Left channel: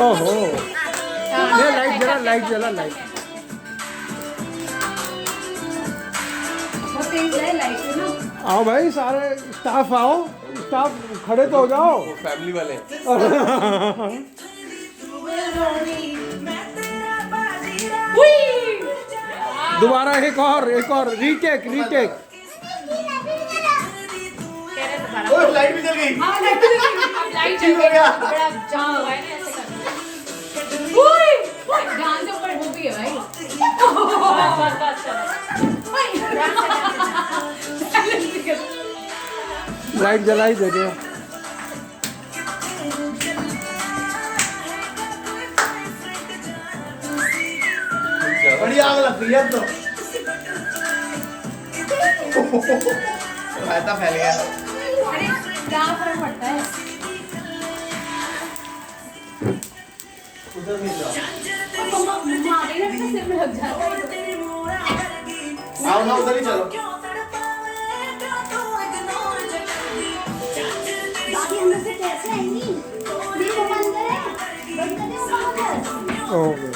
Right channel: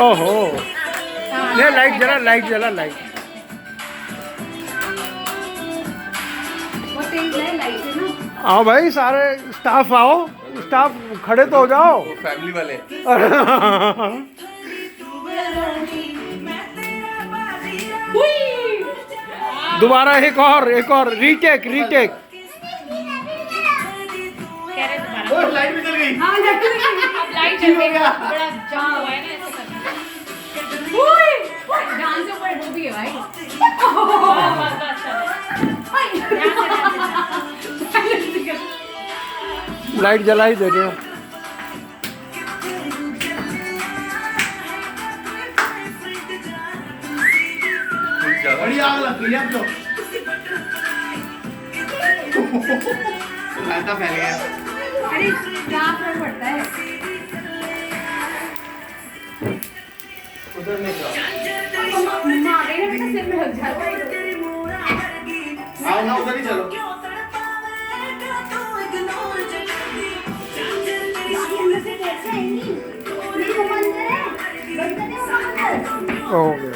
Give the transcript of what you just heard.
ओहो, ले लाइट जला, लाइट जला, लाइट। आओ भाई, सारे स्टाफ आओ, स्टाफ खड़े तो हो जाओ। वो फैमिली वाले हैं। दोबारा एक और रीटेक रीटेक। लाइट भी चल गई। लाइट चल गई, बड़ा जाम हुआ है ना, ऐसे करना। जान से ऊपर डूबी है भाई। लाइट जलाई दे रहे हो। बड़ी आग लग रही है अब तो। फैलता फैल गया। अरे क्या फर्क पड़ता है? उधर नहीं जाओ। मारे ना बेटा, सिर में लग जाता है। आओ ना, उधर ही चलो। हो गया।